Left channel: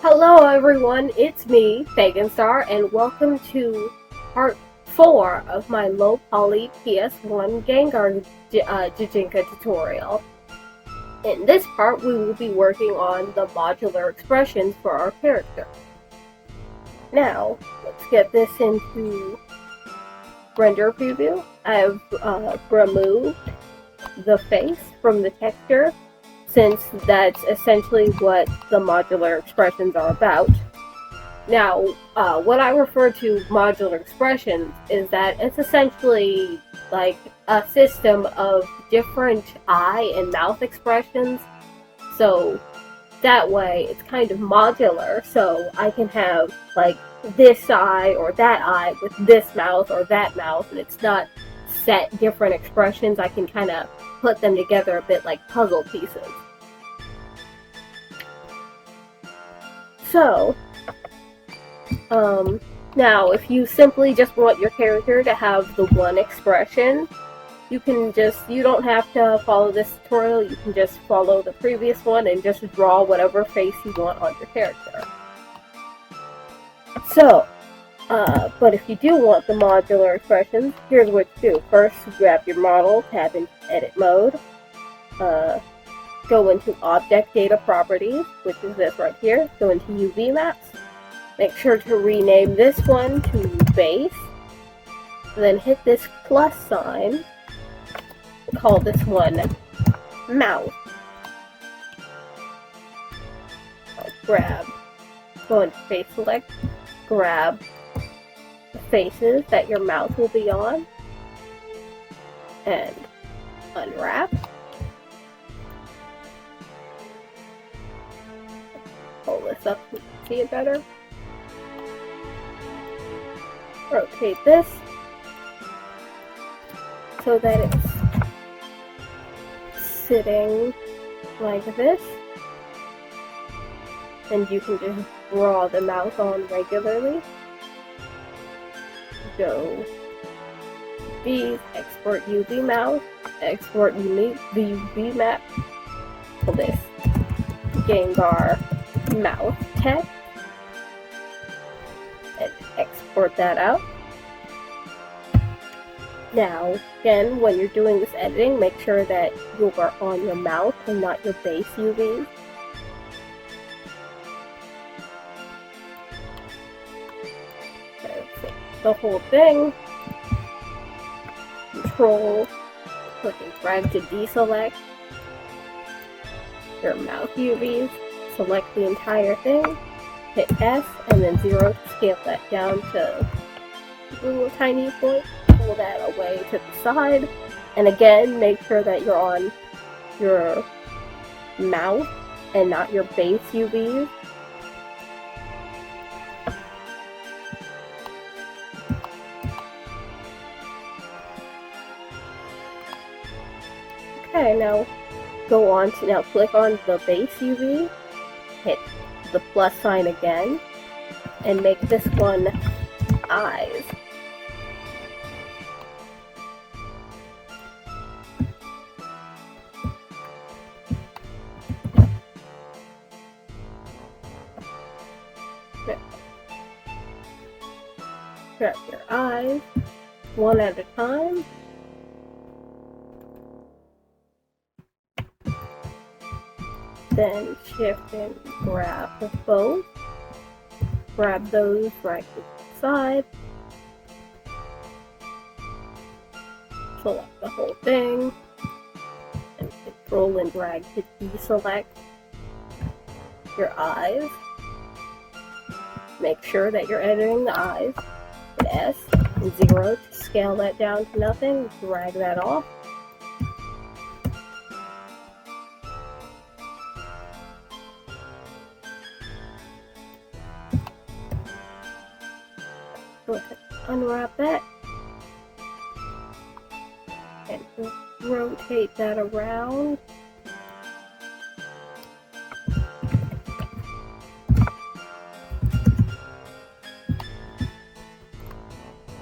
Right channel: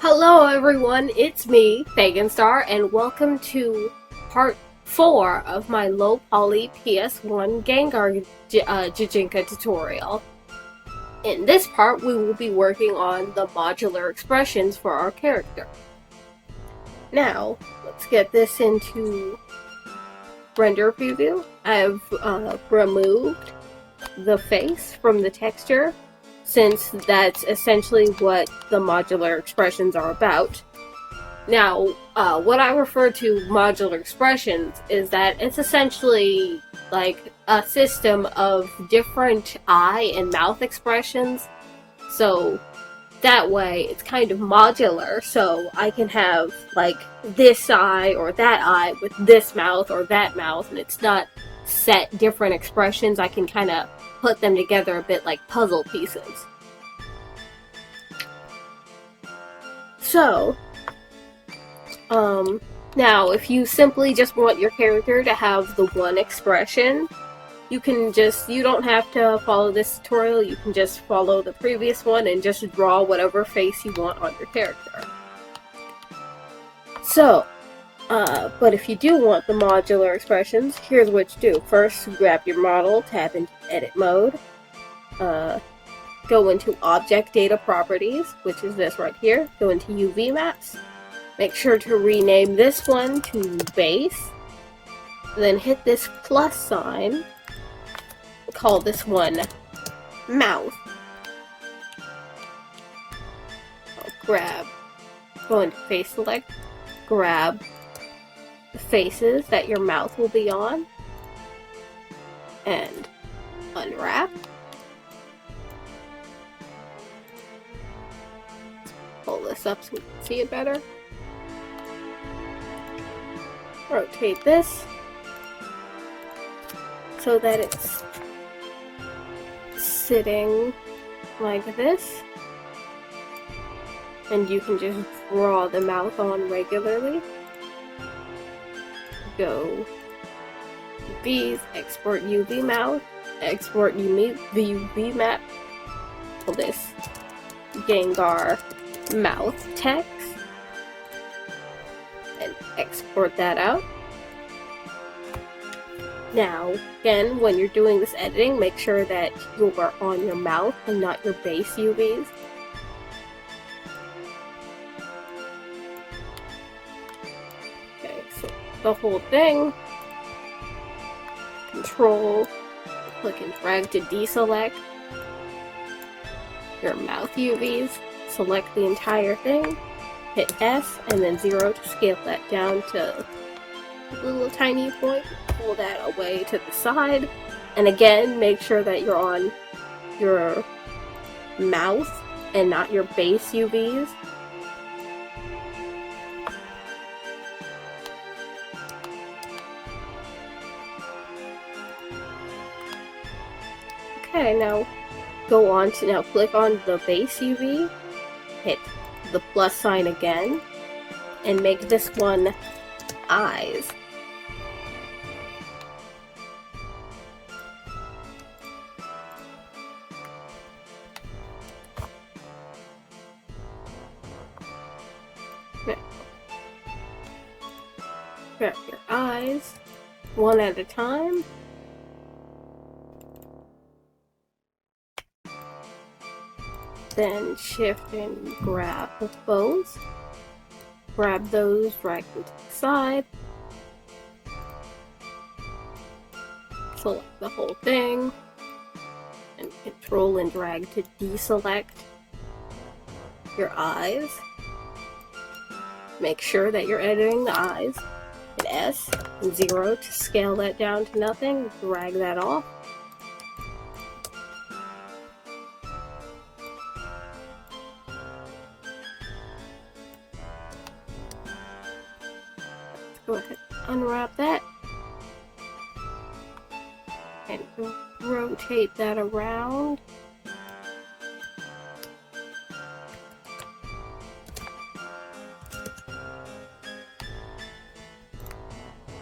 Hello everyone, it's me, Paganstar, and welcome to part 4 of my low poly PS1 Gengar Gijinka tutorial. In this part, we will be working on the modular expressions for our character. Now, let's get this into render preview. I've removed the face from the texture, since that's essentially what the modular expressions are about. Now, what I refer to modular expressions is that it's essentially like a system of different eye and mouth expressions. So that way it's kind of modular, so I can have like this eye or that eye with this mouth or that mouth, and it's not set different expressions. I can kind of put them together a bit like puzzle pieces. So, now if you simply just want your character to have the one expression, you don't have to follow this tutorial, you can just follow the previous one and just draw whatever face you want on your character. So, but if you do want the modular expressions, here's what you do. First, grab your model, tap into edit mode, go into object data properties, which is this right here, go into UV maps, make sure to rename this one to base, then hit this plus sign, call this one mouth. Go into face select, grab the faces that your mouth will be on, and unwrap. Pull this up so we can see it better. Rotate this so that it's sitting like this, and you can just draw the mouth on regularly. Go these, export UV mouth, export UV map, pull this Gengar mouth text, and export that out. Now, again, when you're doing this editing, make sure that you are on your mouth and not your base UVs. Okay, so the whole thing, control, click and drag to deselect your mouth UVs, select the entire thing, hit S, and then 0 to scale that down to a little tiny point. Pull that away to the side, and again, make sure that you're on your mouth and not your base UVs. Okay, now click on the base UV, hit the plus sign again, and make this one eyes. Grab your eyes one at a time. Then shift and grab both. Grab those, drag them to the side. Select the whole thing. And control and drag to deselect your eyes. Make sure that you're editing the eyes. Hit S and 0 to scale that down to nothing. Drag that off. Go ahead, unwrap that, and rotate that around.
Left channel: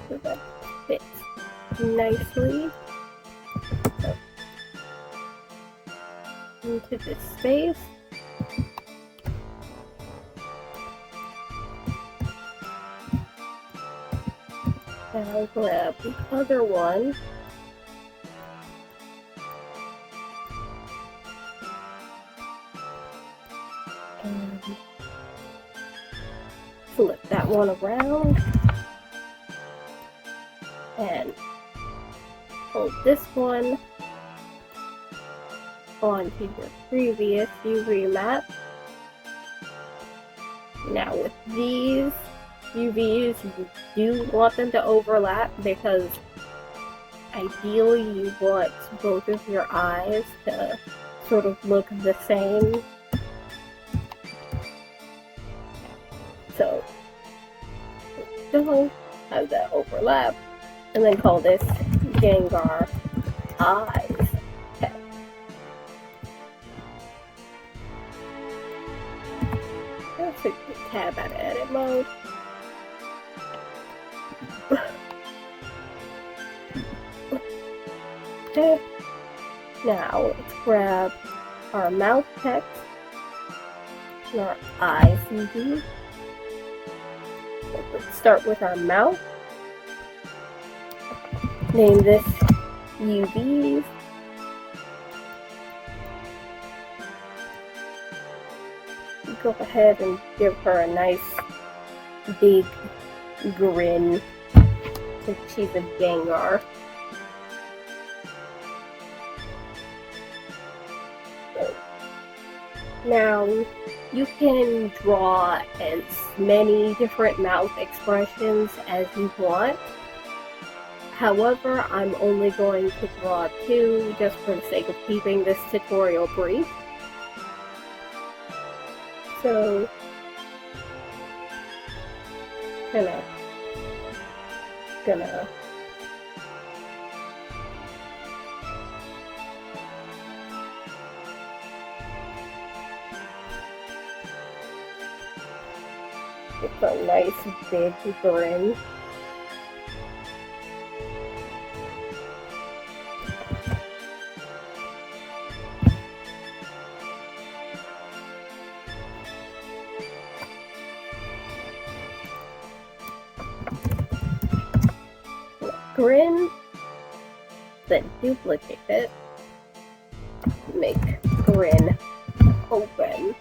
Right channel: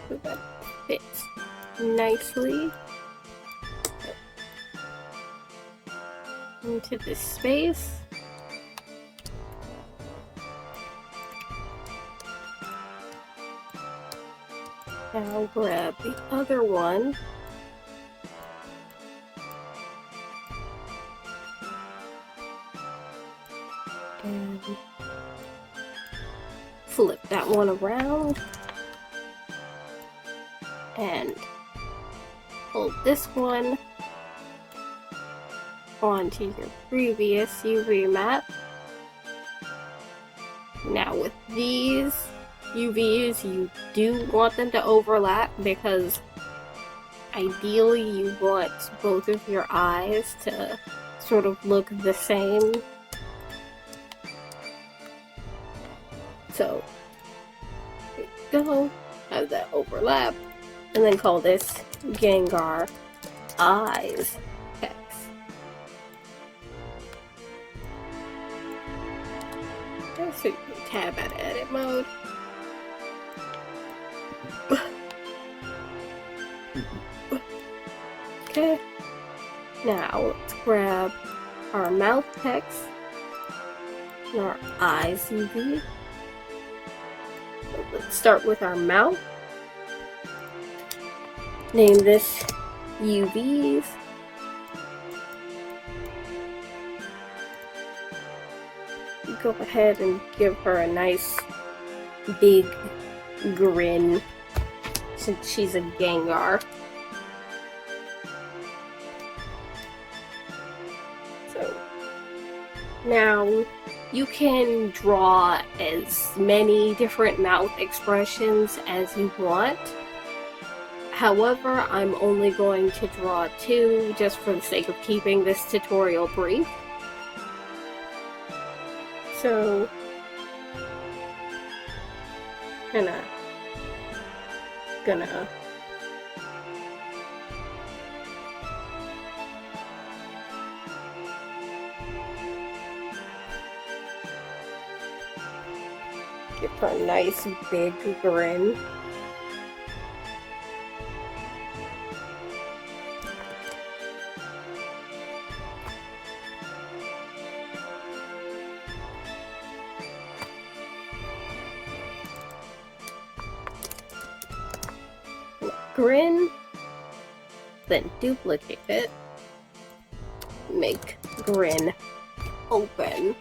So that fits nicely into this space. Now grab the other one. And flip that one around. And hold this one onto your previous UV map. Now with these UVs, you do want them to overlap because ideally you want both of your eyes to sort of look the same. So, go, have that overlap, and then call this Gengar Eyes text. Just tab out of edit mode. Okay, now let's grab our mouth text and our eyes UV. So let's start with our mouth. Name this UVs. Go ahead and give her a nice big grin since she's a Gengar. So now you can draw as many different mouth expressions as you want. However, I'm only going to draw 2 just for the sake of keeping this tutorial brief. So, gonna give her a nice big grin. Grin, then duplicate it, make grin open.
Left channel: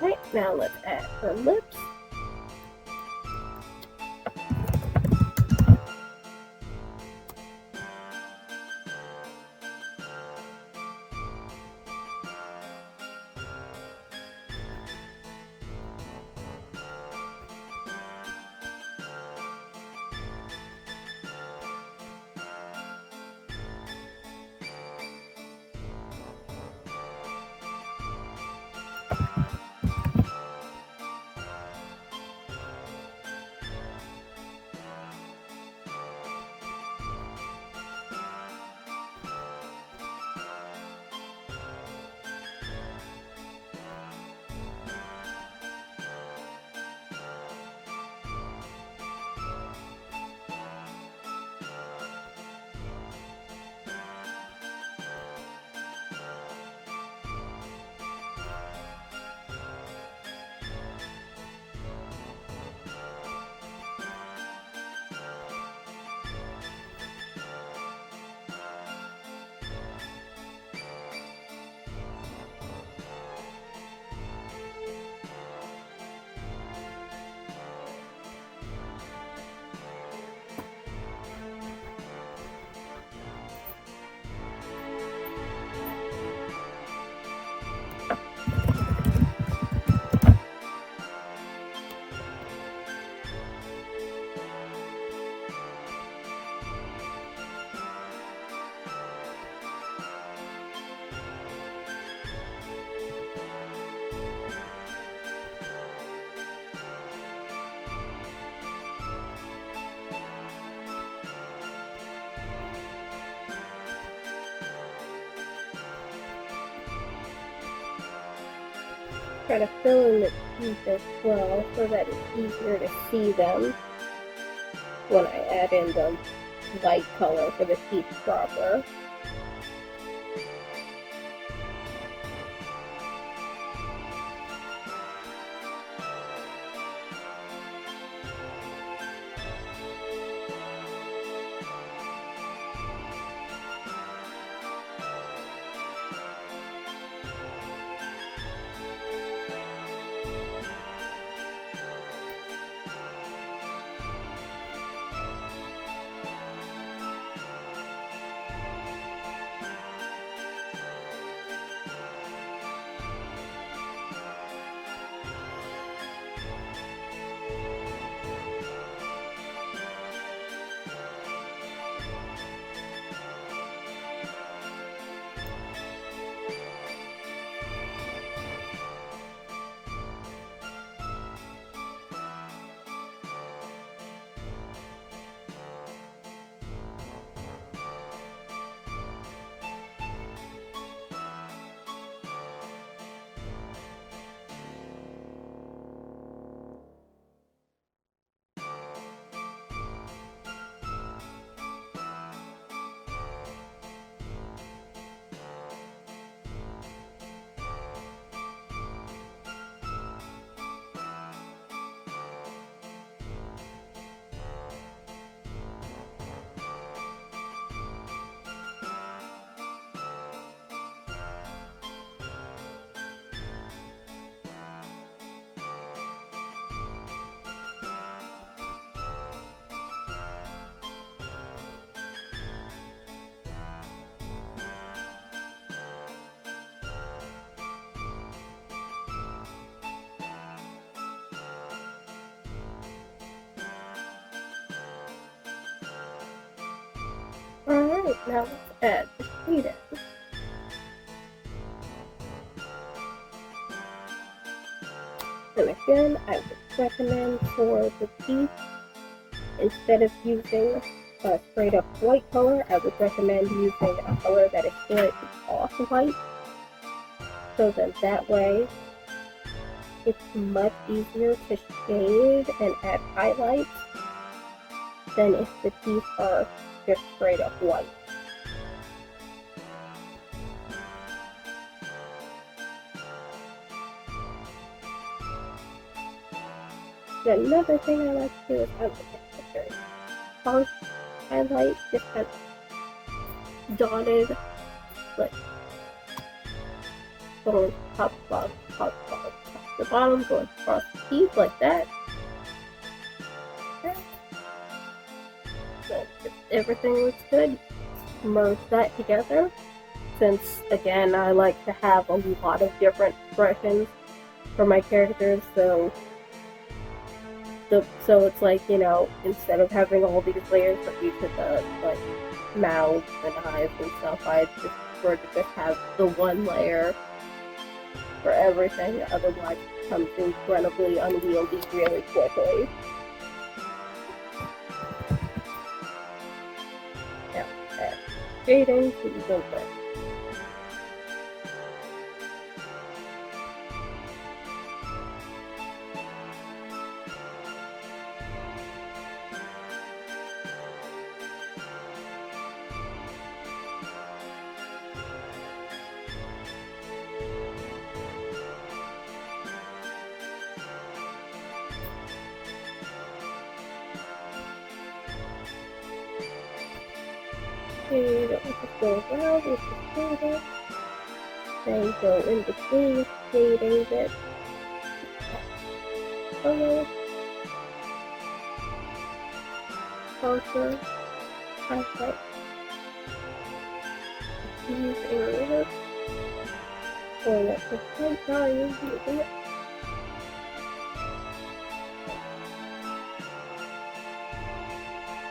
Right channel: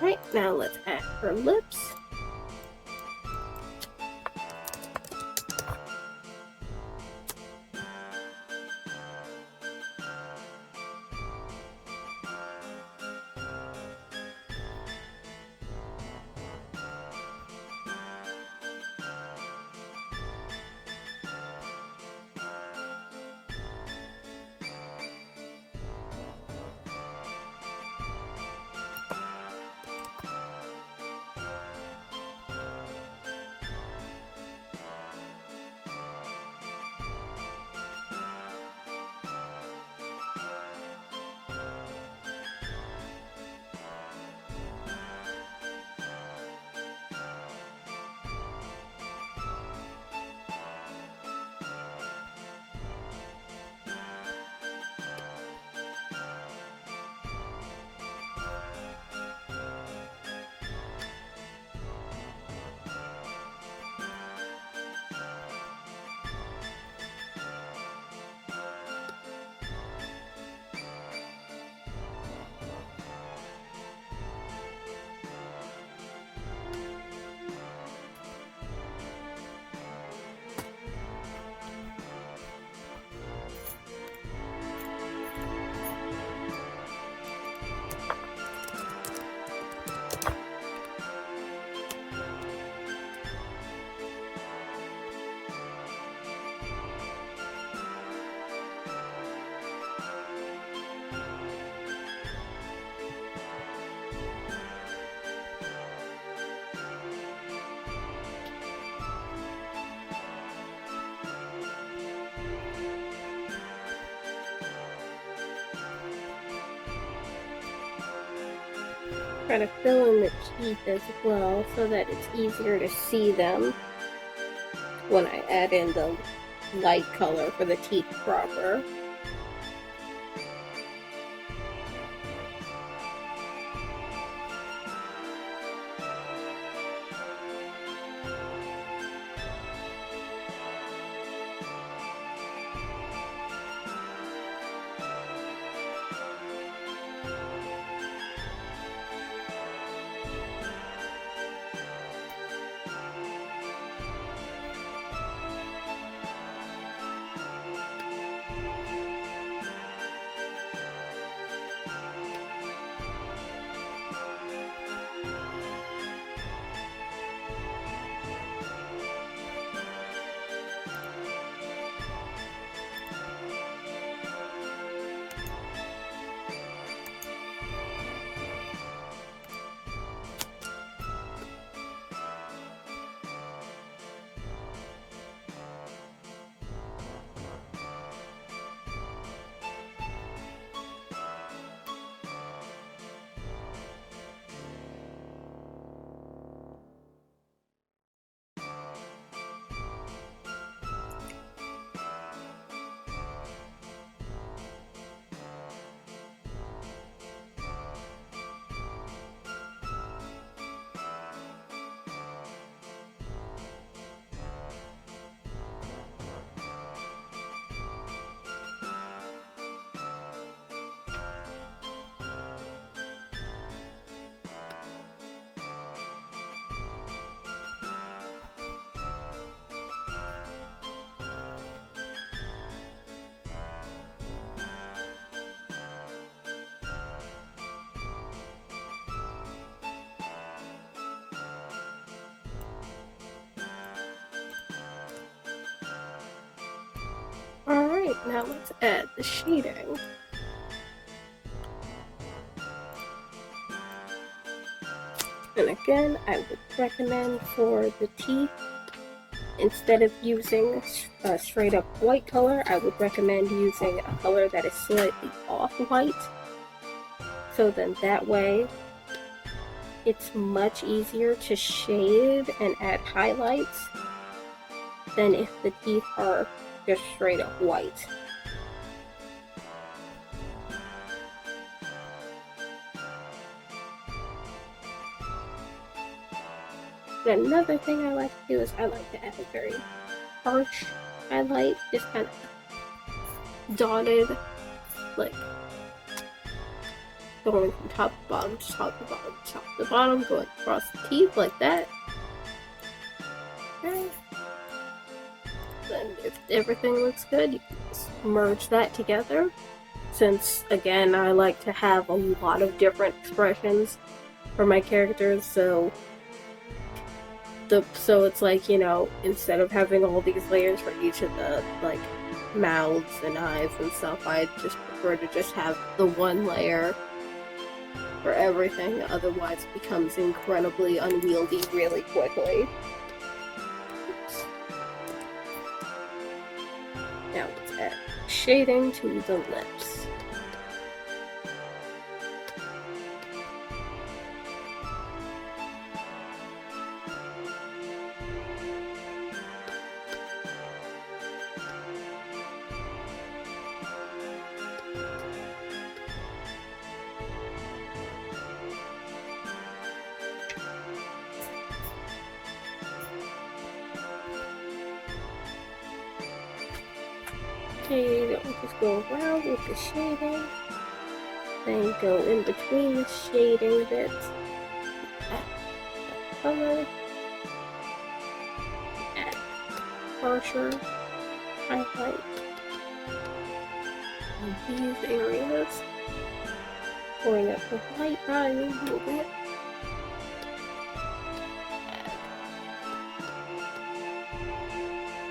Right, now let's add her lips. try to fill in the teeth as well so that it's easier to see them when I add in the light color for the teeth proper. Alright, now let's add the shading. And again, I would recommend for the teeth, instead of using a straight up white color, I would recommend using a color that is slightly off-white. So then that way, it's much easier to shade and add highlights than if the teeth are just straight up white. Another thing I like to do is I like to add a very harsh highlight, just kind of dotted, like going from top to bottom, top to bottom, top to bottom, going across the teeth like that. Okay. Then if everything looks good, you just merge that together. Since again, I like to have a lot of different expressions for my characters, so it's like, you know, instead of having all these layers for each of the like mouths and eyes and stuff, I just prefer to just have the one layer for everything, otherwise it becomes incredibly unwieldy really quickly. Now let's add shading to the lips. Okay, I'll just go around with the shading, then go in between the shading bits, add color, add harsher highlight in these areas, going up the light value a little bit.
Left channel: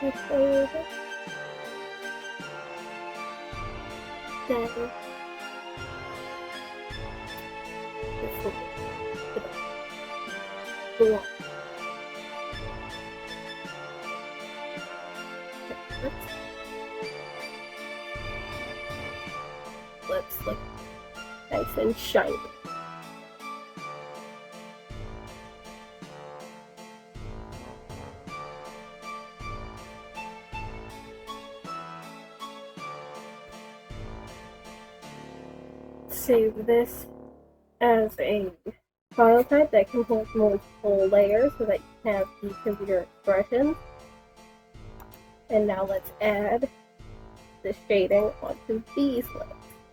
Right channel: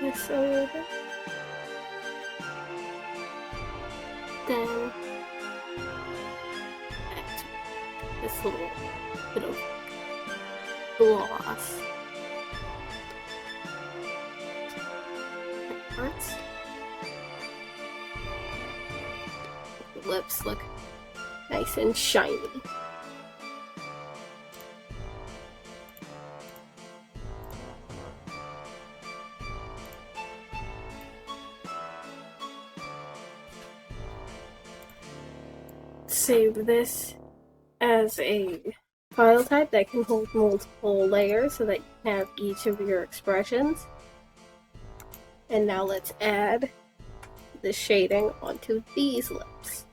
This a little bit. Then this little bit of gloss. It hurts. The lips look nice and shiny. save this as a file type that can hold multiple layers so that you can have each of your expressions. And now let's add the shading onto these lips.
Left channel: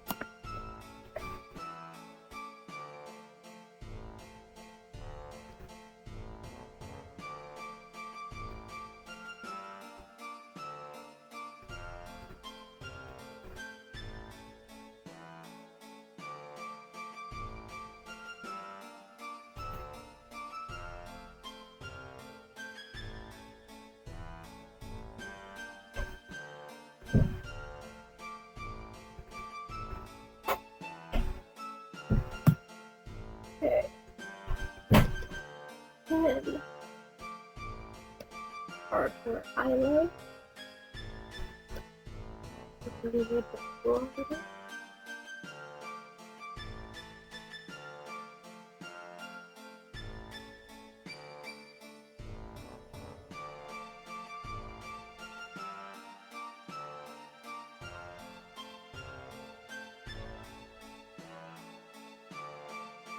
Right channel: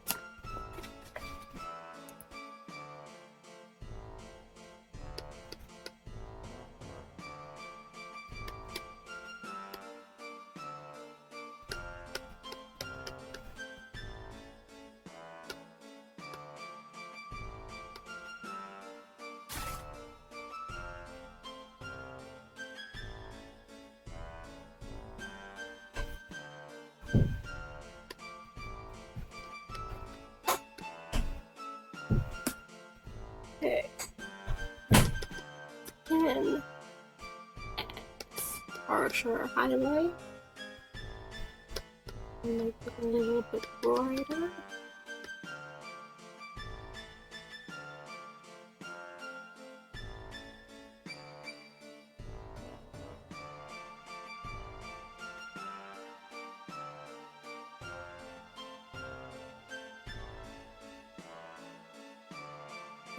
Okay. Then harsher highlight. Make it a little bit brighter.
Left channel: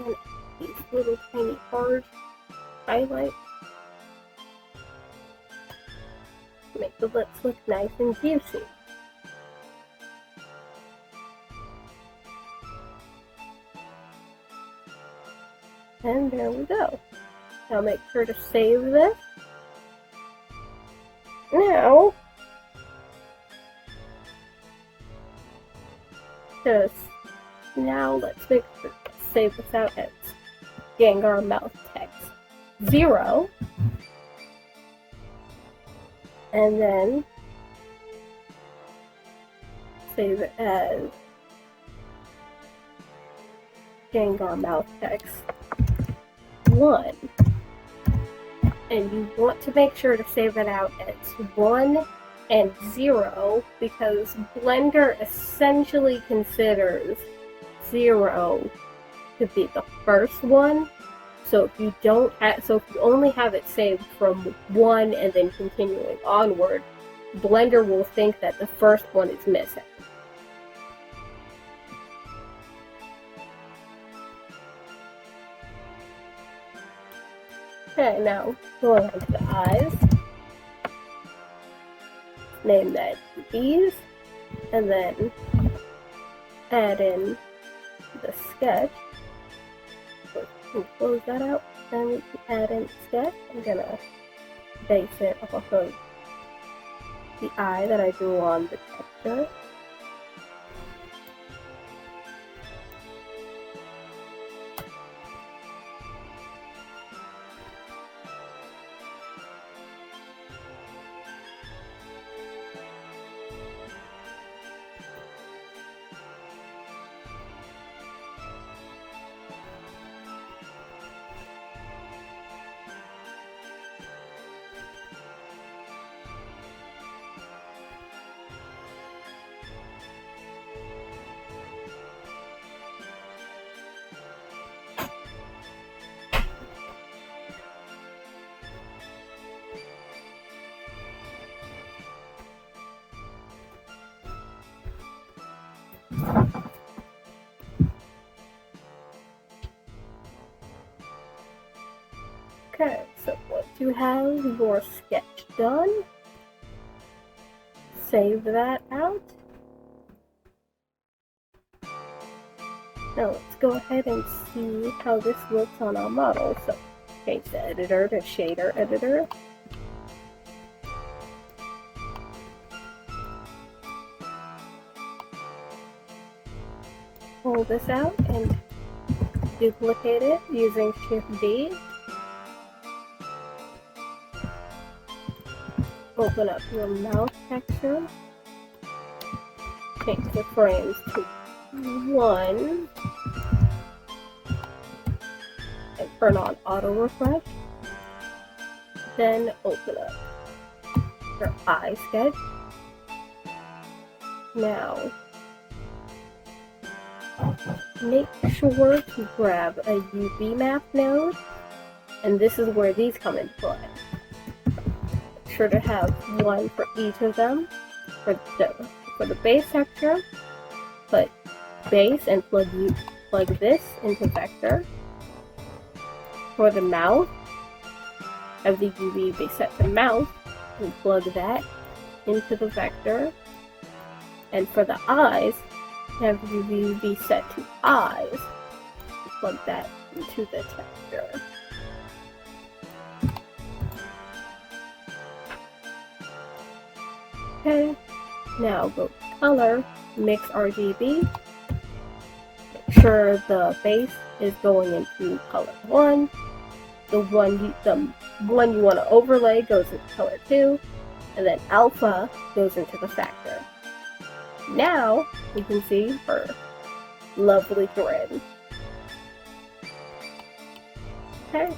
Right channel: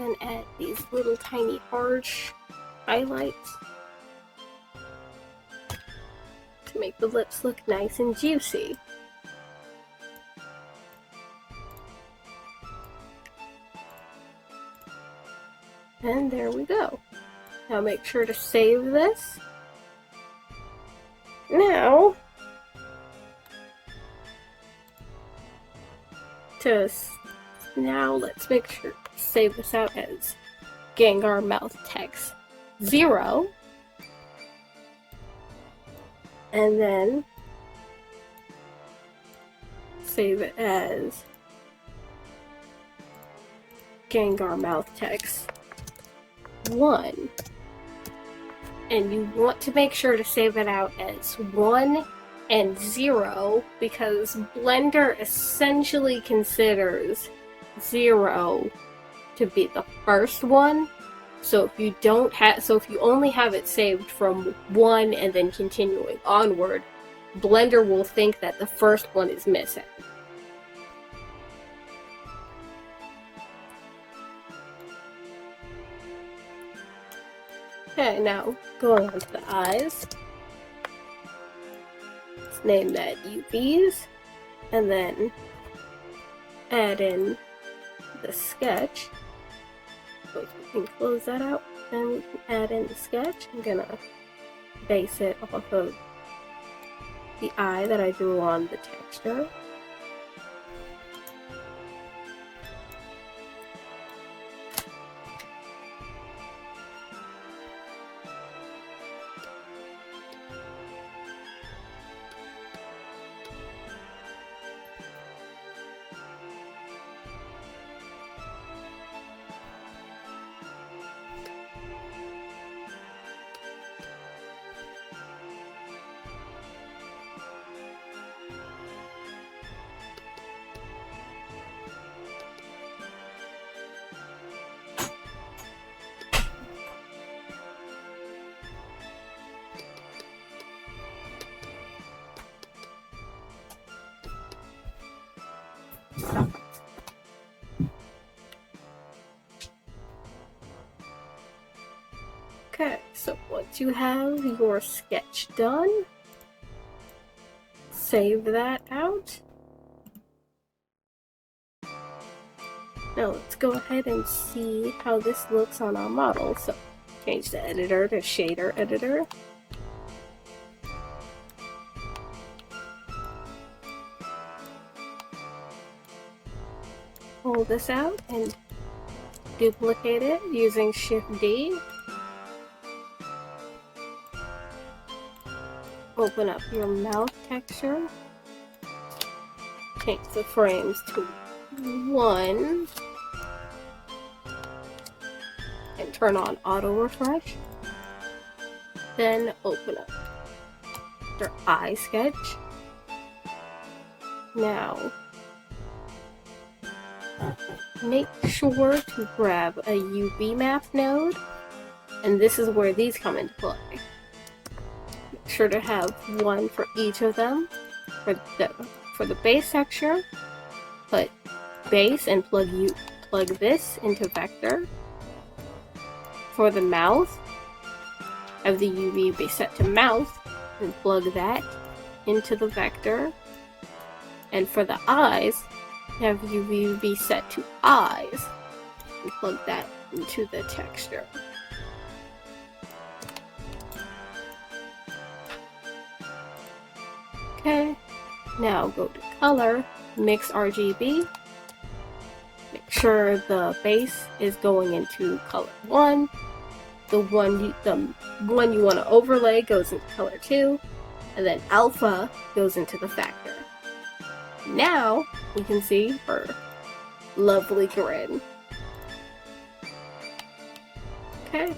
And add these little tiny harsh highlights to make the lips look nice and juicy. And there we go. Now make sure to save this. Now let's make sure to save this out as Gengar mouth text 0. And then save it as Gengar mouth text 1. And you want to make sure to save it out as 1 and 0 because Blender essentially considers 0 to be the first one. So if you only have it saved from 1 and then continuing onward, Blender will think that the first one is missing. Okay, now going on to the eyes. Let's name that UVs, and then add in the sketch. So we can close that out, and we can add in the sketch. I'm gonna base it off of the eye that I drew on the texture. Okay, so once you have your sketch done, save that out. Now let's go ahead and see how this looks on our model. So change the editor to shader editor. Pull this out and duplicate it using Shift D. Open up your mouth texture. Change the frames to 1. And turn on auto refresh. Then open up your eye sketch. Now, make sure to grab a UV map node, and this is where these come into play. Make sure to have one for each of them. For the base texture, put base and plug this into vector. For the mouth, have the UV be set to mouth and plug that into the vector. And for the eyes, have UV be set to eyes and plug that into the texture. Okay, now go to color, mix RGB. Make sure the base is going into color 1. The one you want to overlay goes into color 2, and then alpha goes into the factor. Now we can see her lovely grin. Okay,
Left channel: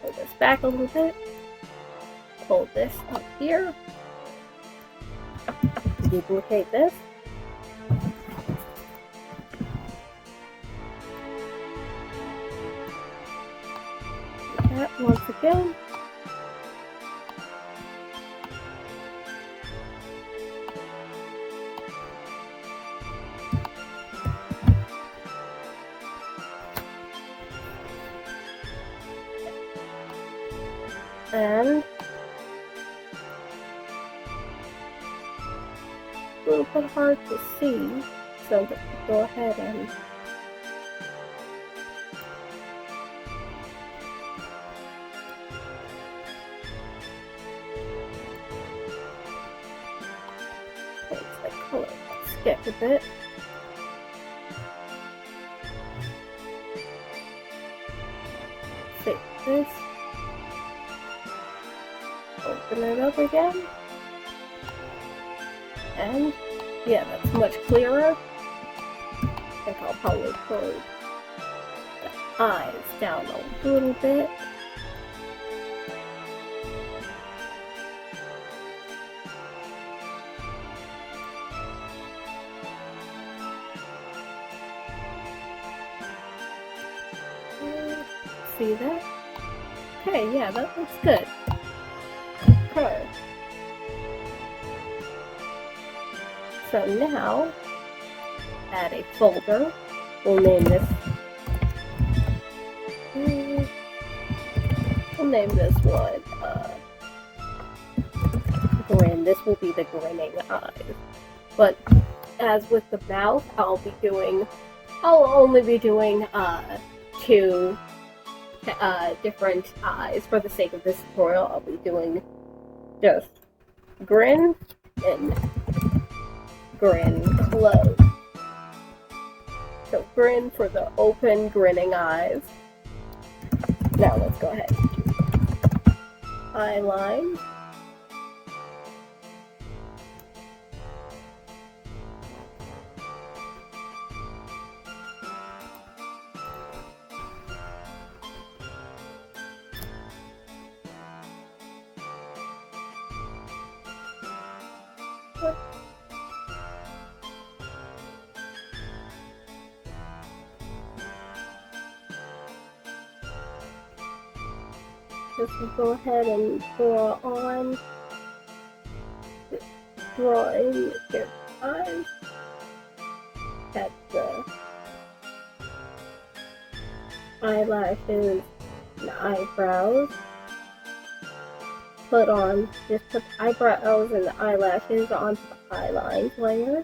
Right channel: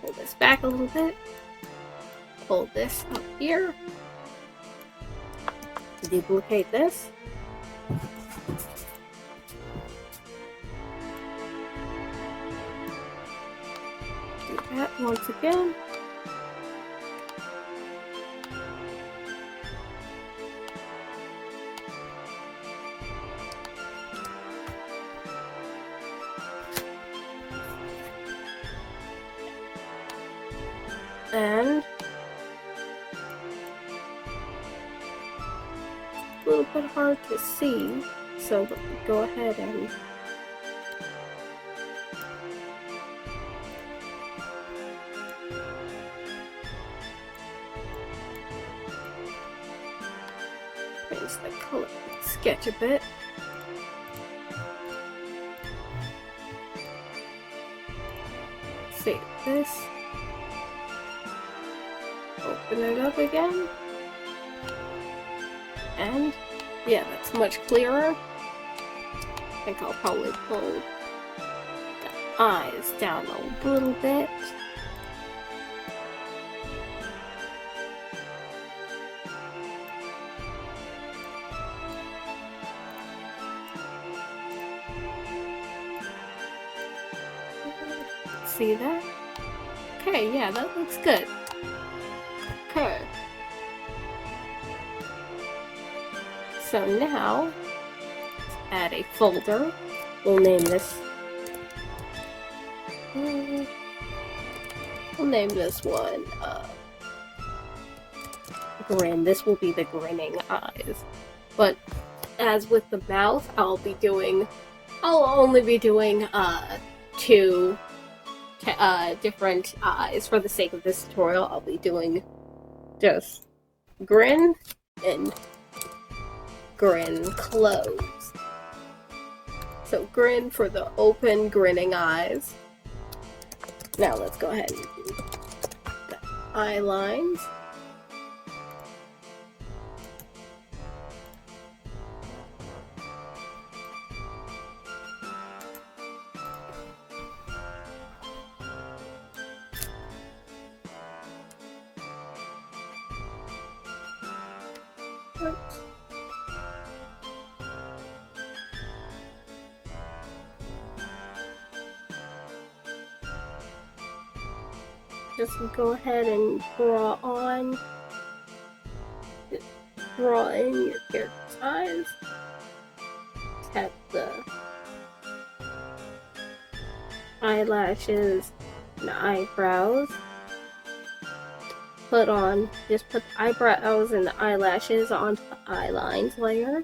pull this back a little bit. Pull this up here. Duplicate this. Do that once again. And a little bit hard to see, so go ahead and change the color sketch a bit. Save this. Open it up again. And yeah, that's much clearer. I think I'll probably pull the eyes down a little bit. See that? Okay, yeah, that looks good. Okay. So now, add a folder. We'll name this. We'll name this one Grin. This will be the grinning eyes. But as with the mouth, I'll only be doing 2 different eyes. For the sake of this tutorial, I'll be doing just grin and grin close. So grin for the open grinning eyes. Now let's go ahead and do the eye lines. Just go ahead and draw in your character's eyes. Tap the eyelashes and eyebrows. Just put the eyebrows and the eyelashes onto the eye lines layer.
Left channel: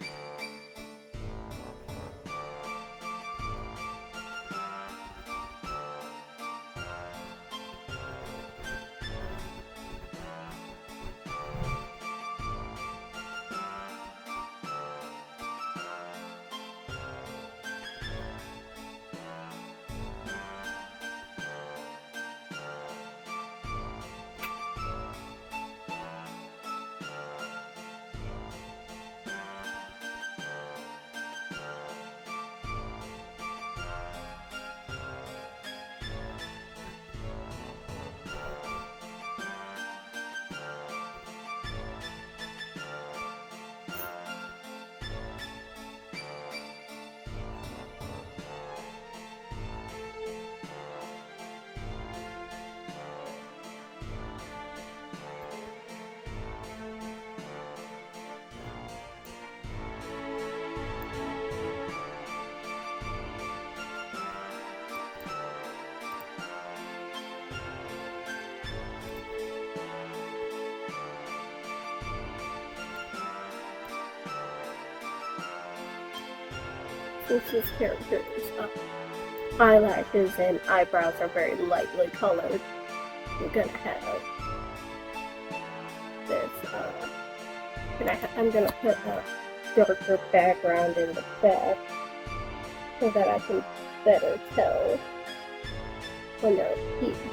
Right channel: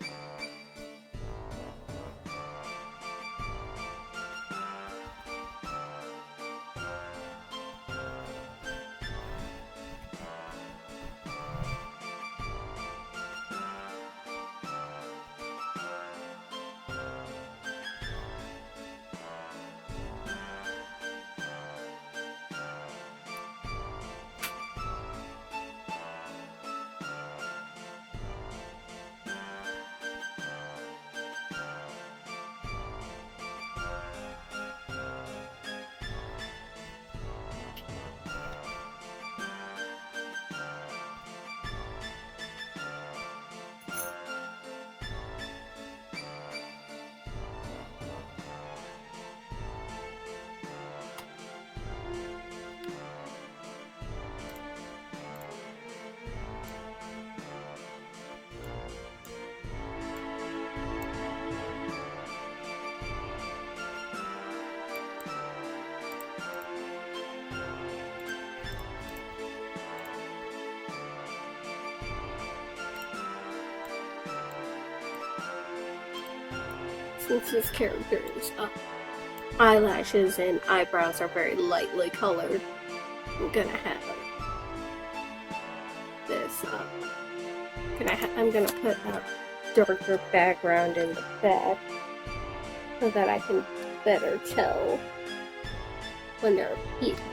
since this character's eyelashes and eyebrows are very lightly colored, I'm gonna have this. I'm gonna put a darker background in the back so that I can better tell when there are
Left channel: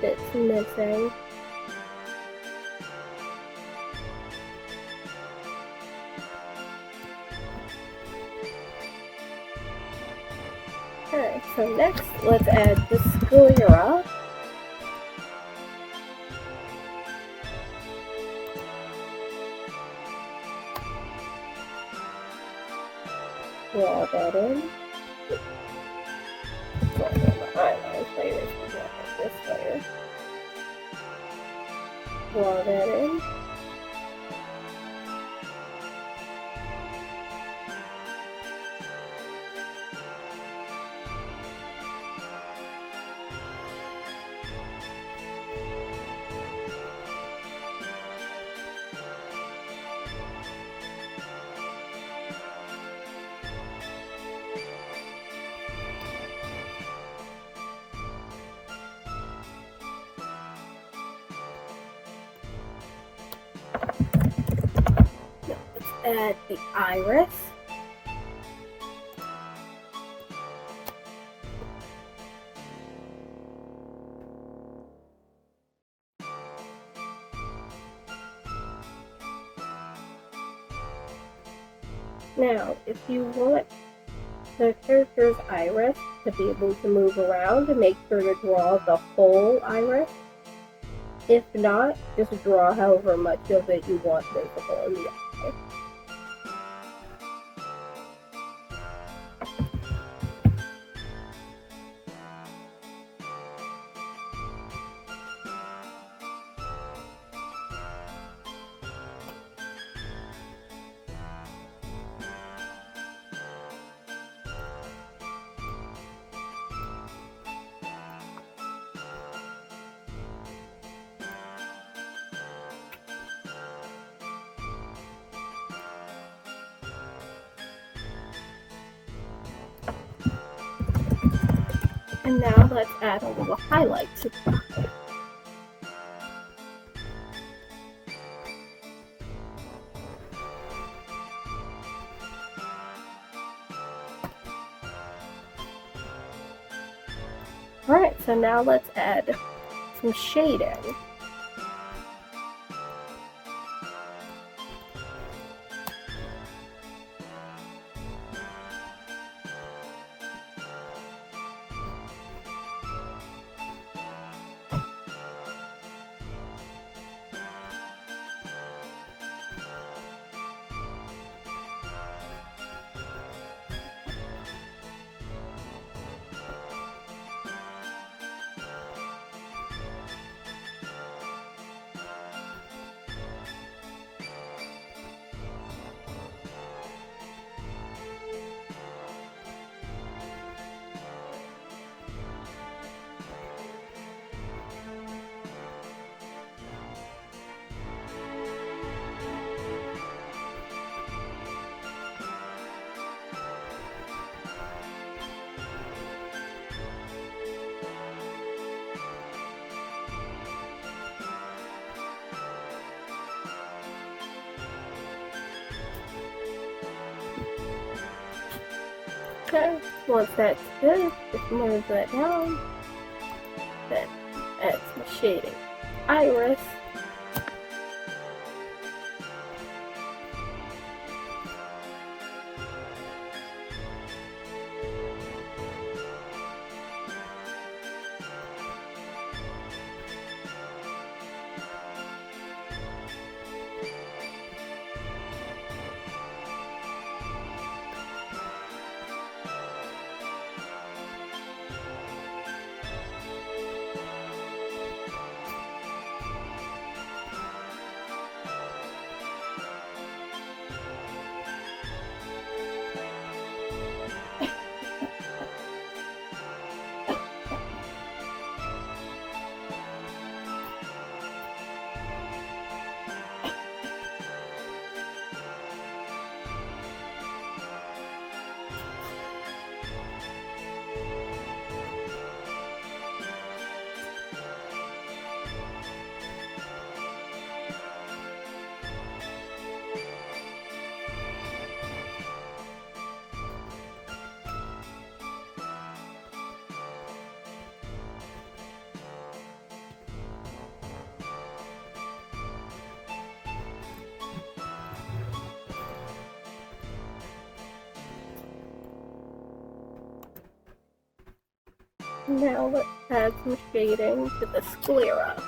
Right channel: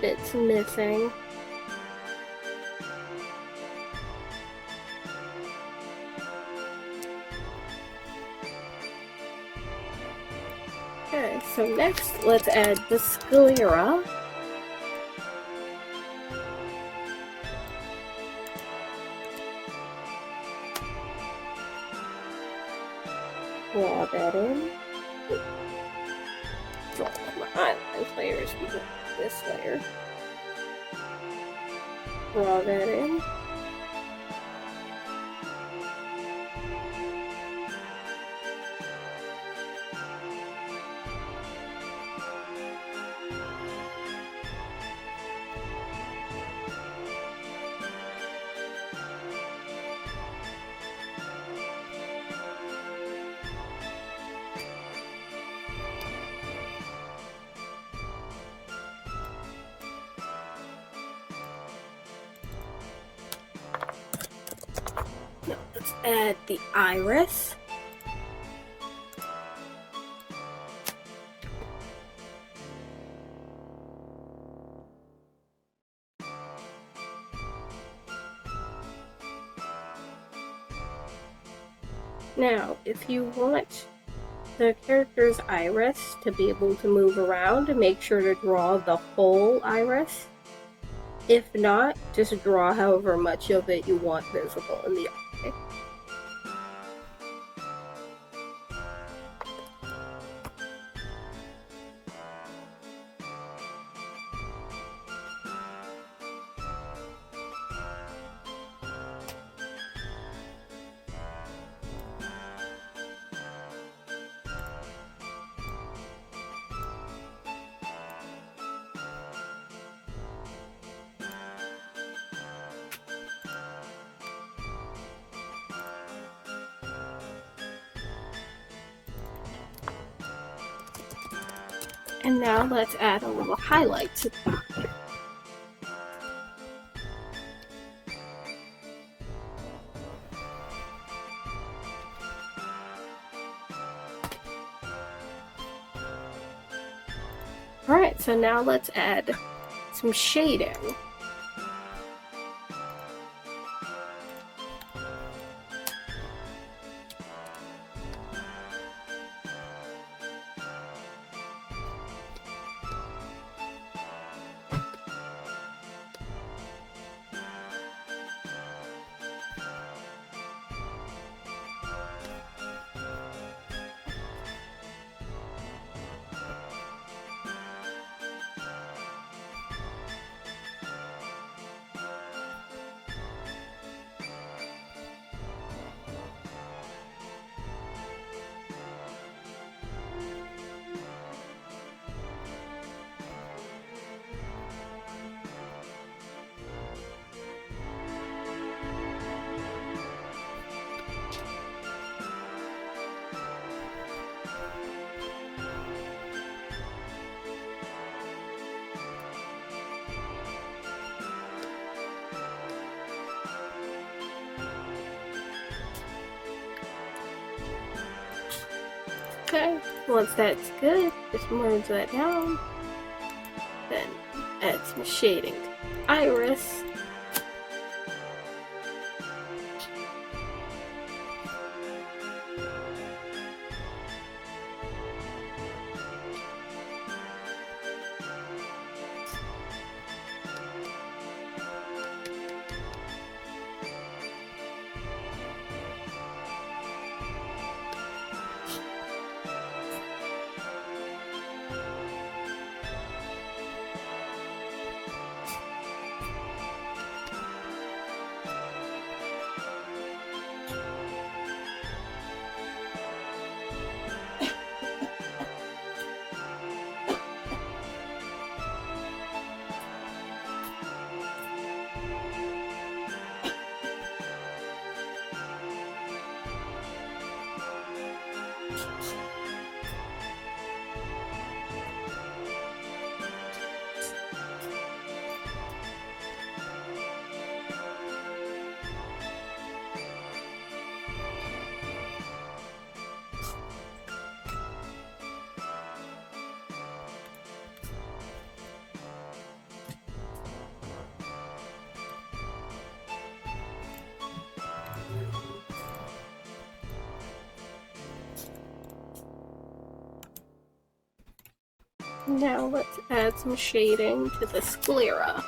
bits missing. Okay, so next let's add the sclera. Draw that in. Draw in my eyeline layers before this layer. Draw that in. Now let's add the iris. Now, if you want the character's iris to be able to move around, make sure to draw the whole iris. If not, just draw however much of it you want visible in the eye. And now let's add a little highlight to the eye. Alright, so now let's add some shading. Okay, once that's good, just merge that down. Then add some shading to the iris. Now let's add some shading to the sclera.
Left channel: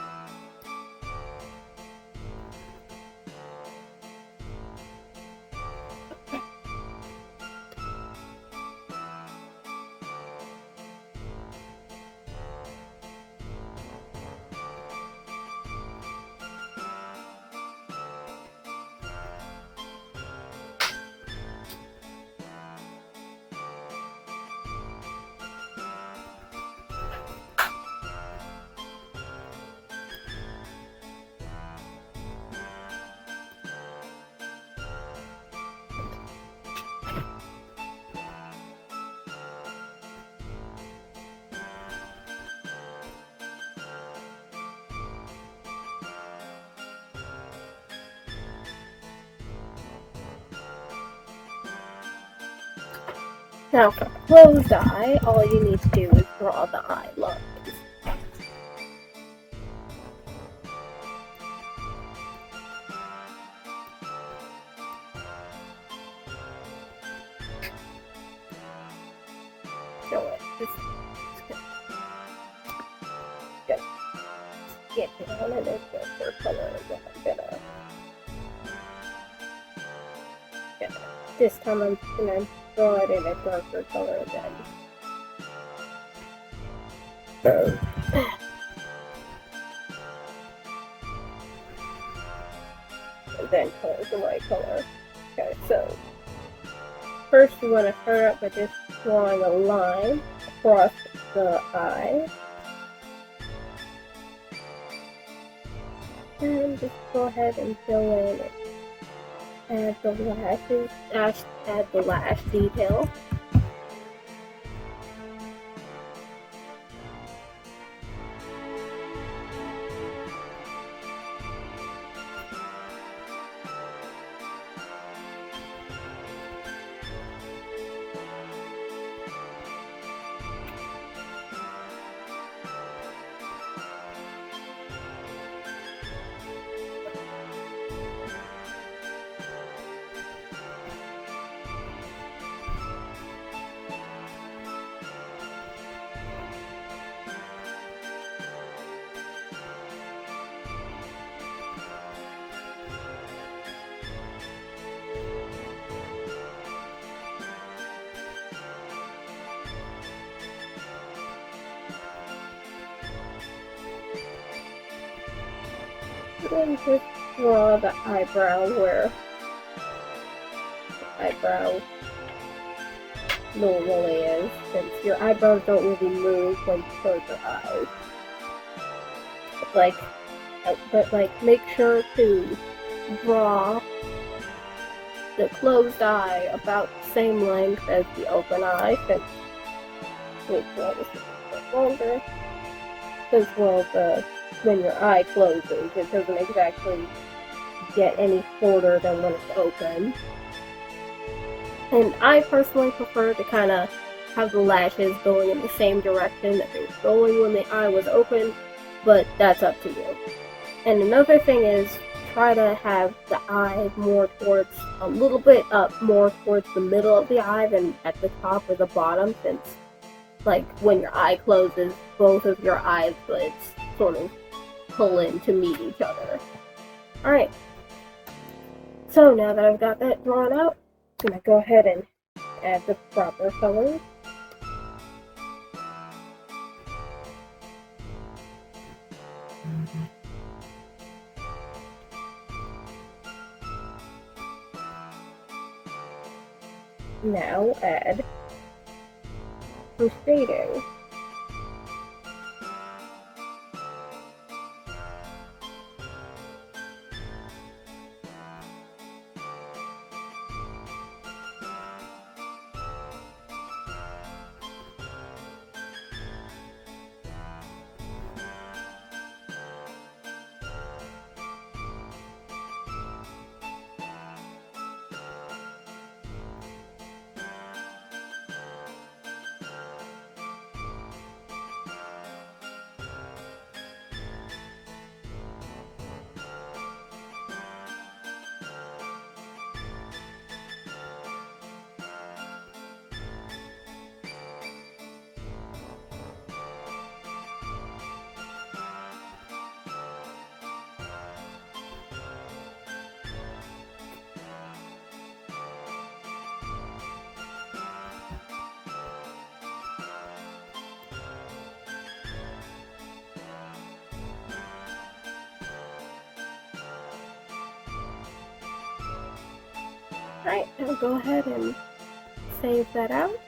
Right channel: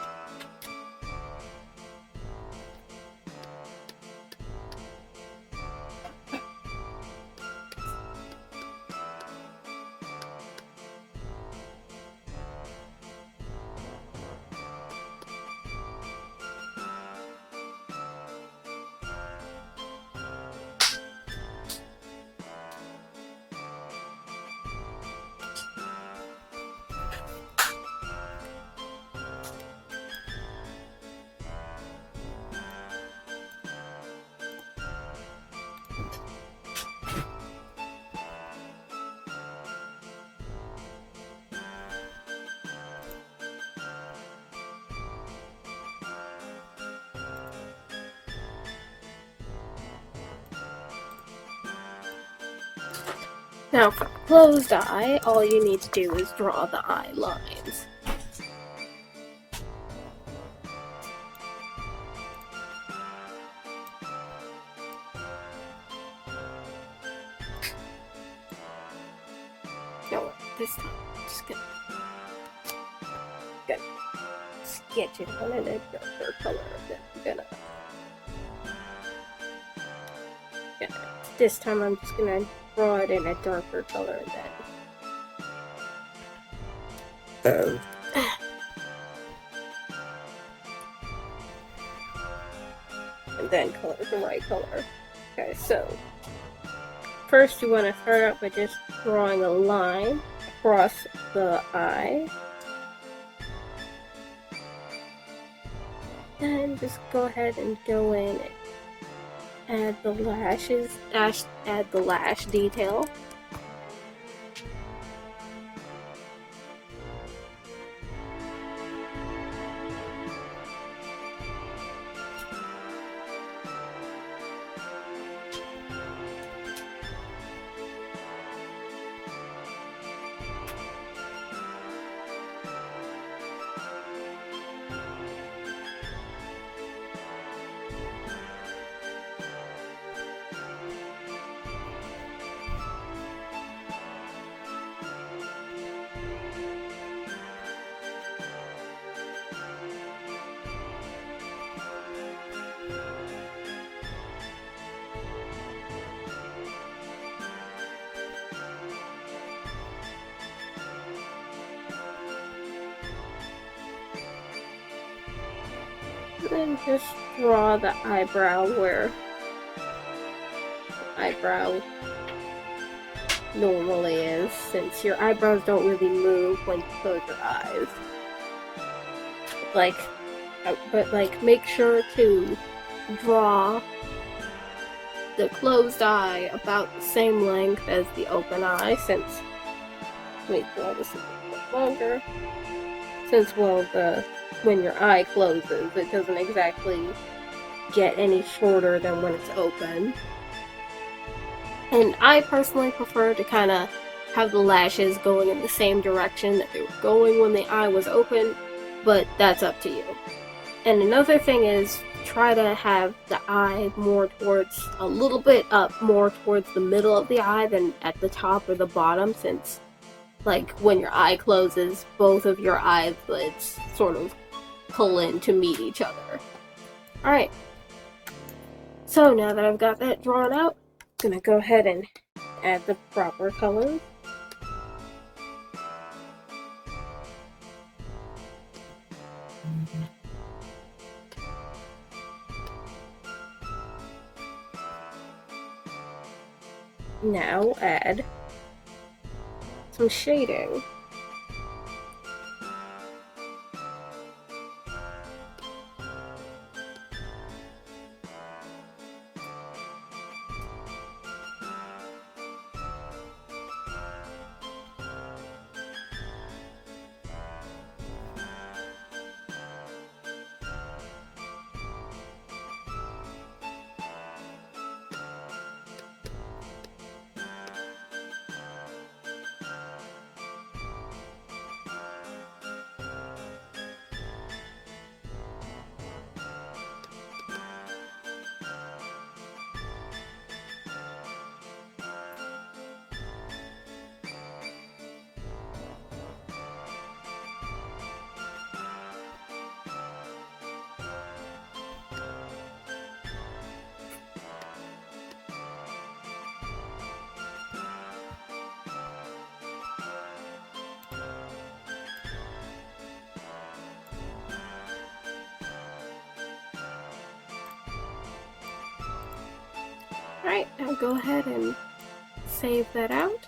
Now for a closed eye, all you need to do is draw the eye lines. No, what? This time, I'm just gonna sketch it on in a darker color, then I'm gonna. Yeah, this time I'm just gonna draw it in a darker color then. And then color the right color. Okay, so first you want to start out by just drawing a line across the eye. And just go ahead and go in and add the lashes, add the lash detail. Then just draw the eyebrow where the eyebrow normally is, since your eyebrows don't really move when you close your eyes. But make sure to draw the closed eye about the same length as the open eye, since wait, draw this a bit longer. Since when your eye closes, it doesn't exactly get any shorter than when it's open. And I personally prefer to kind of have the lashes going in the same direction that they were going when the eye was open, but that's up to you. And another thing is, try to have the eye more towards, a little bit up more towards the middle of the eye than at the top or the bottom, since like when your eye closes, both of your eyelids sort of pull in to meet each other. Alright, so now that I've got that drawn out, I'm gonna go ahead and add the proper color. Now add some shading. Alright, now go ahead and save that out.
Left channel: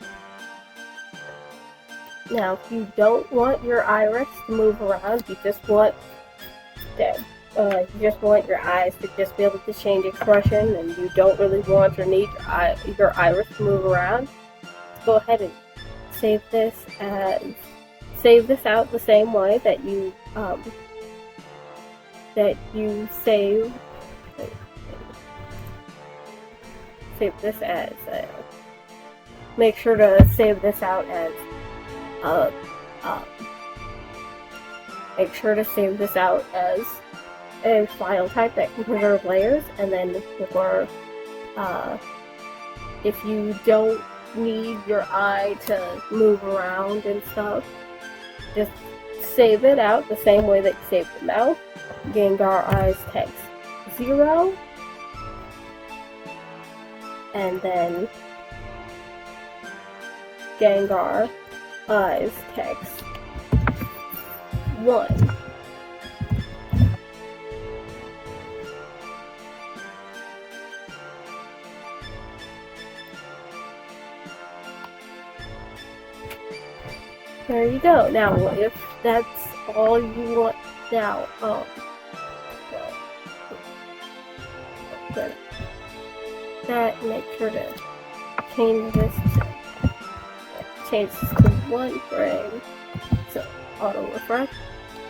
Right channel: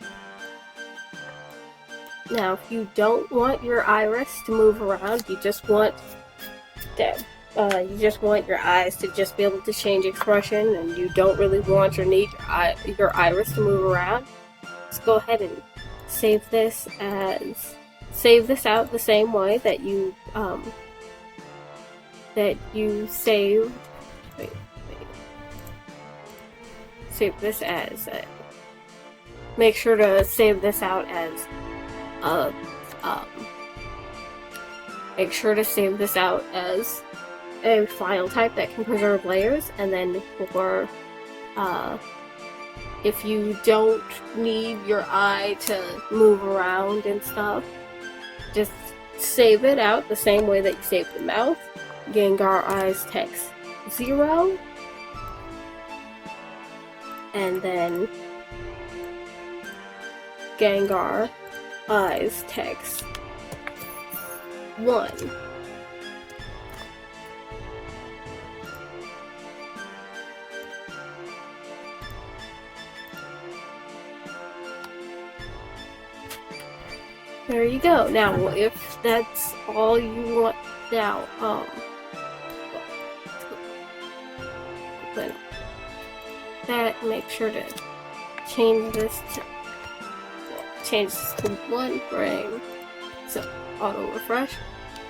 Now, if you don't want your iris to move around, you just want your eyes to just be able to change expression, and you don't really want or need your iris to move around, just go ahead and save this out the same way that you save this as make sure to save this out as make sure to save this out as a file type that can preserve layers, and then for if you don't need your eye to move around and stuff, just save it out the same way that you save the mouth. Gengar eyes text 0, and then Gengar eyes text 1. There you go. Now, if that's all you want, now, but that, make sure to change this to 1 frame, so auto refresh.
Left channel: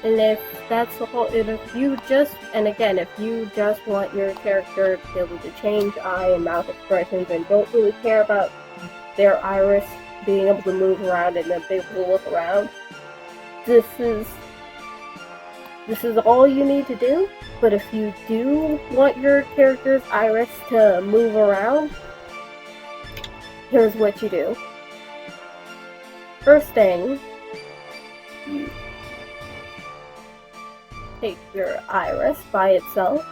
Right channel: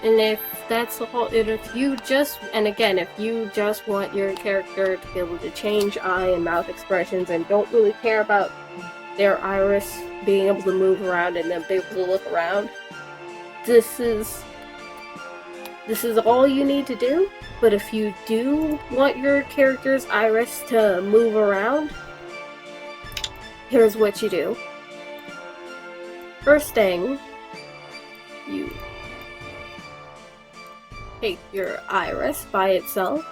And if that's the whole, and if you just want your character to be able to change eye and mouth expressions and don't really care about their iris being able to move around and then be able to look around, this is all you need to do. But if you do want your character's iris to move around, here's what you do. First thing, you take your iris by itself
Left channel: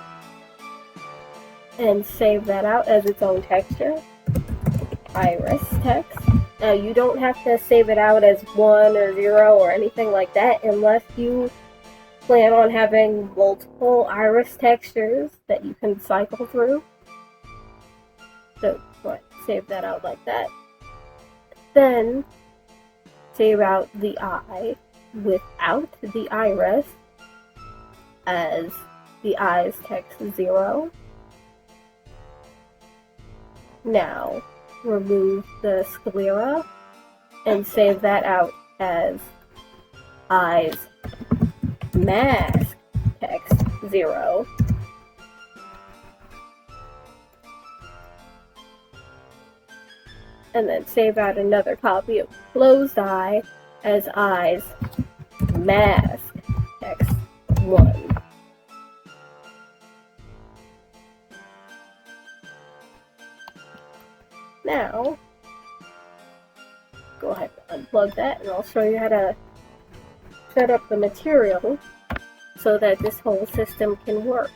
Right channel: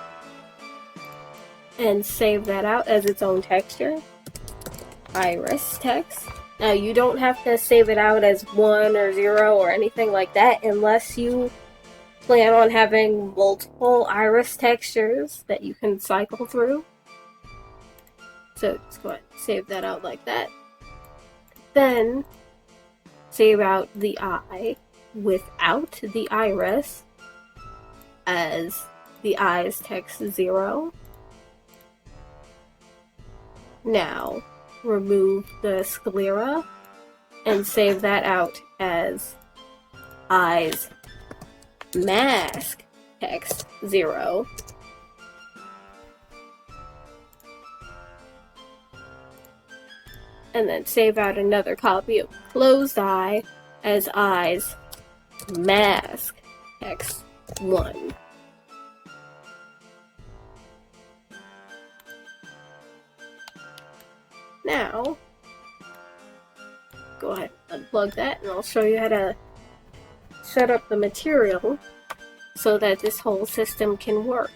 and save that out as its own texture. Iris text. Now, you don't have to save it out as 1 or 0 or anything like that unless you plan on having multiple iris textures that you can cycle through. So just go ahead and save that out like that. Then save out the eye without the iris as the eyes text 0. Now remove the sclera and save that out as eyes mask text 0. And then save out another copy of closed eye as eyes mask text 1. Now, go ahead and unplug that, and I'll show you how to set up the material so that this whole system can work.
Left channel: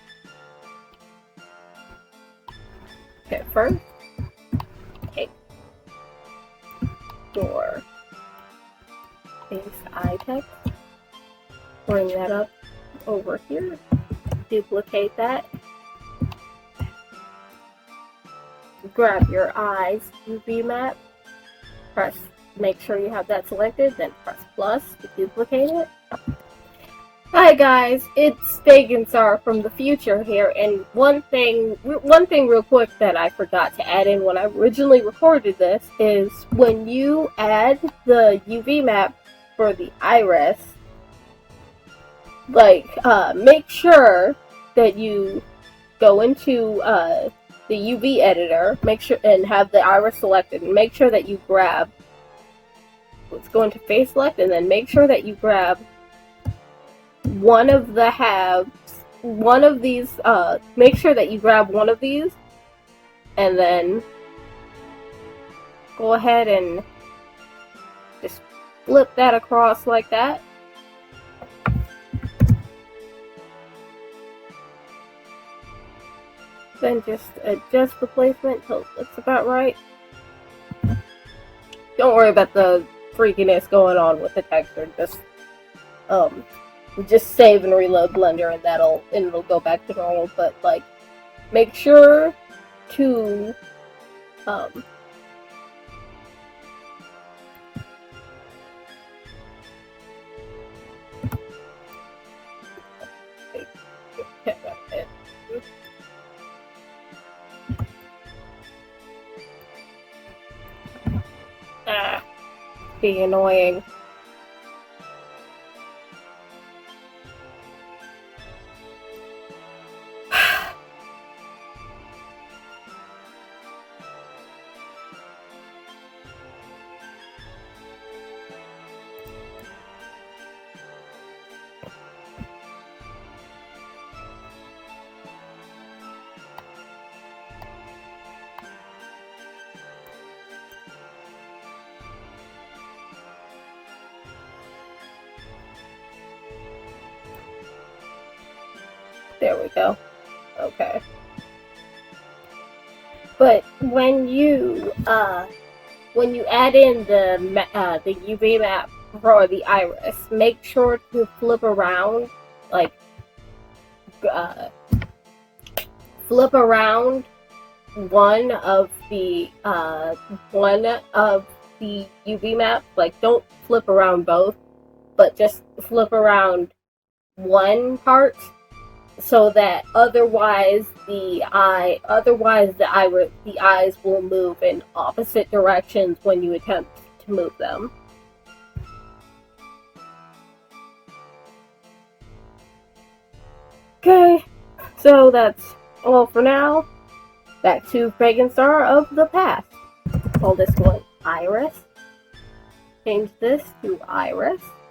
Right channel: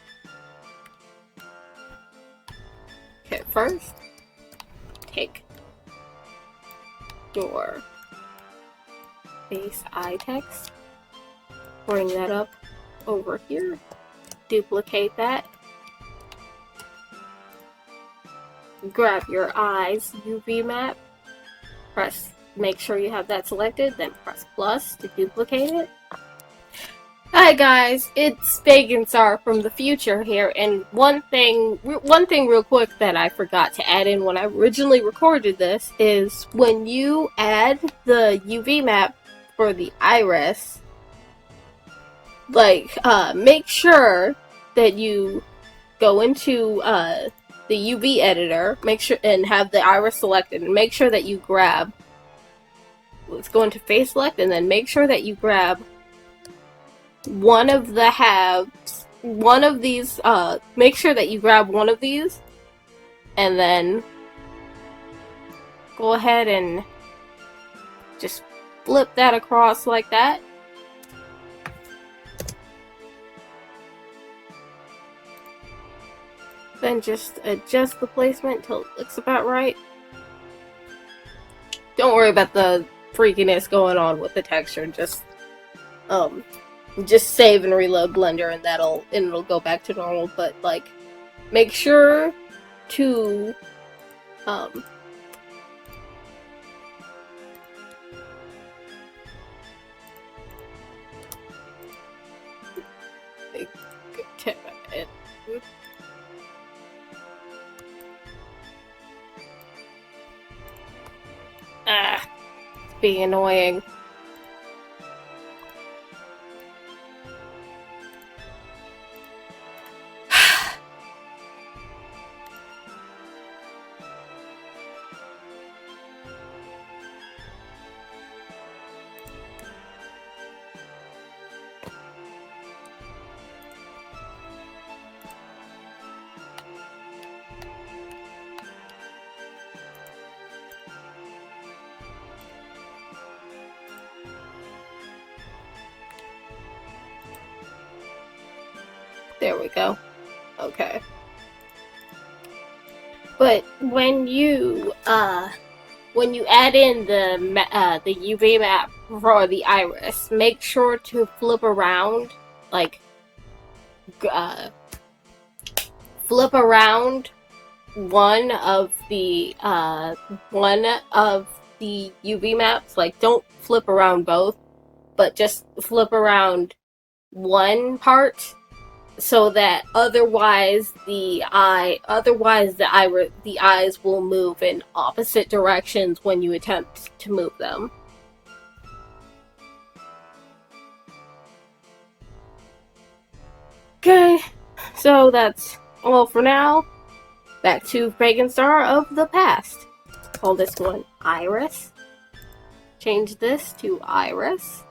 Okay, first, take your base eye text, bring that up over here, duplicate that, grab your eyes UV map, make sure you have that selected, then press plus to duplicate it. Hi guys, it's Gijinka from the future here, and one thing real quick that I forgot to add in when I originally recorded this is when you add the UV map for the iris, make sure that you go into the UV editor, make sure and have the iris selected, and make sure that you grab, let's go into face select, and then make sure that you grab one of the halves, one of these, make sure that you grab one of these, and then go ahead and just flip that across like that. Then just adjust the placement till it looks about right. Don't worry about the freakiness going on with the texture, just save and reload Blender, and it'll go back to normal. But make sure to Um, it's being annoying. There we go. Okay. But when you add in the UV map for the iris, make sure to flip around, like, flip around one of the UV maps. Like, don't flip around both, but just flip around one part, so that otherwise the eyes will move in opposite directions when you attempt to move them. Okay, so that's all for now. Back to Pagan Star of the past. Call this one Iris. Change this to Iris.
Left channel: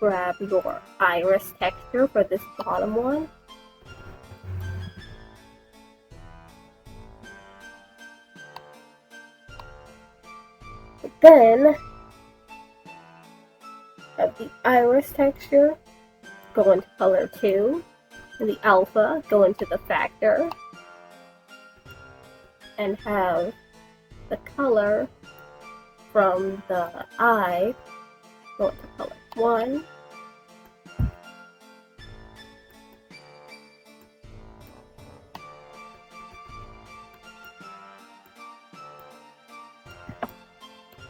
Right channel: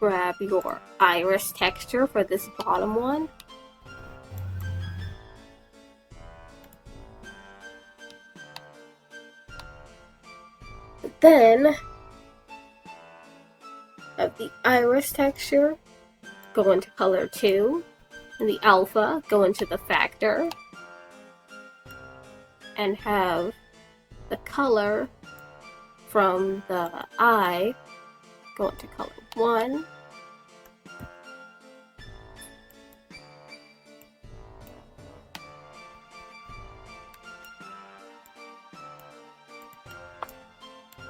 Grab your iris texture for this bottom one. Then, have the iris texture go into color 2, and the alpha go into the factor, and have the color from the eye go into color 1.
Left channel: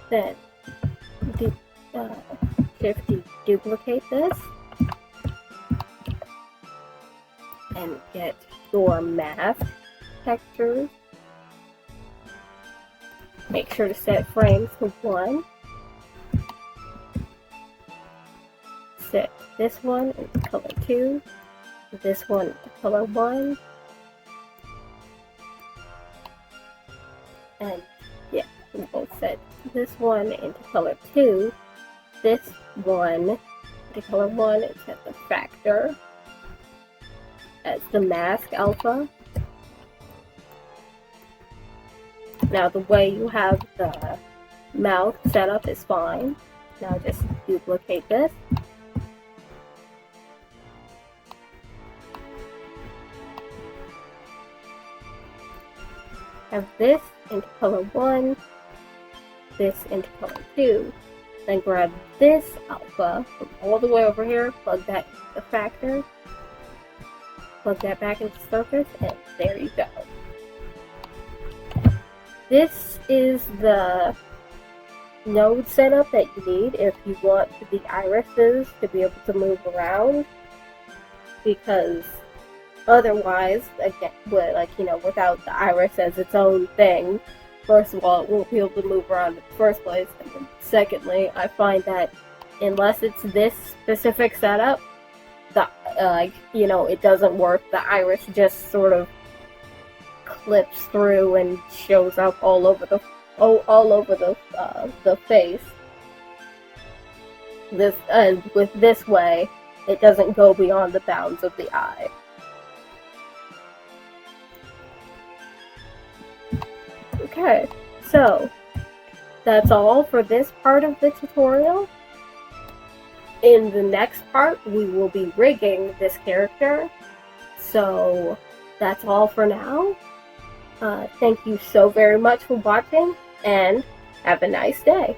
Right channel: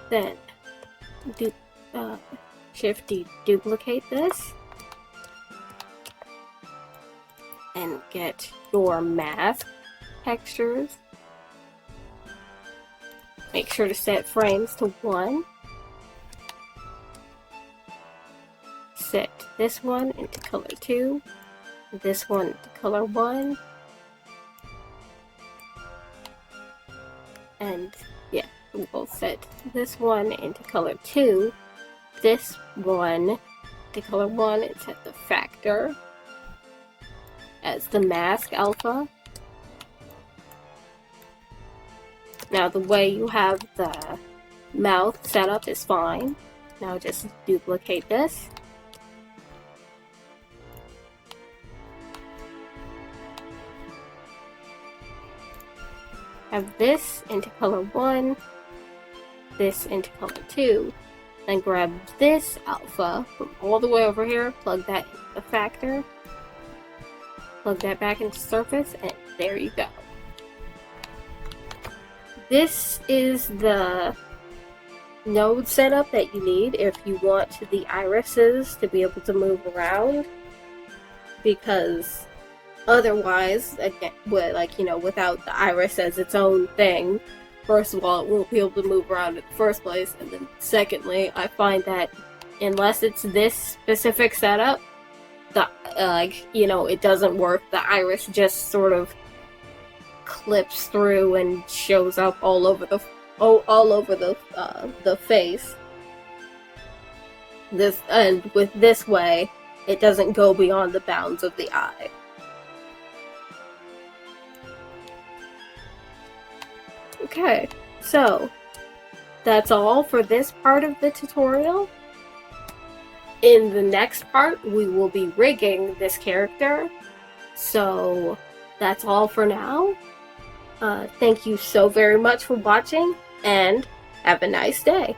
Then shift duplicate this and get your mask textures. Make sure to set frames to 1. Set this one into color 2, this one into color 1, and yeah, we'll set this one into color 2, this one into color 1, and set the factor as the mask alpha. Now the way you have the mouth set up is fine. Now just duplicate this. Have this into color 1, this into color 2, then grab this alpha from all the way over here, plug that into the factor, plug that back into surface, and there you go. This is the node setup that you need if you want the irises to be able to move around, because otherwise, again, without the iris as its own thing, first of all, it won't be able to move around in the first place, and then secondly, I find that unless it's this specific setup, it doesn't work. The iris just sort of clips through and shows up all over the face. With this way, it doesn't go beyond the bounds of the eye. Okay, so that's all for this part of the tutorial. In the next part, we will be rigging this character. So that's all for now. Thank you so very much for watching, and have a nice day.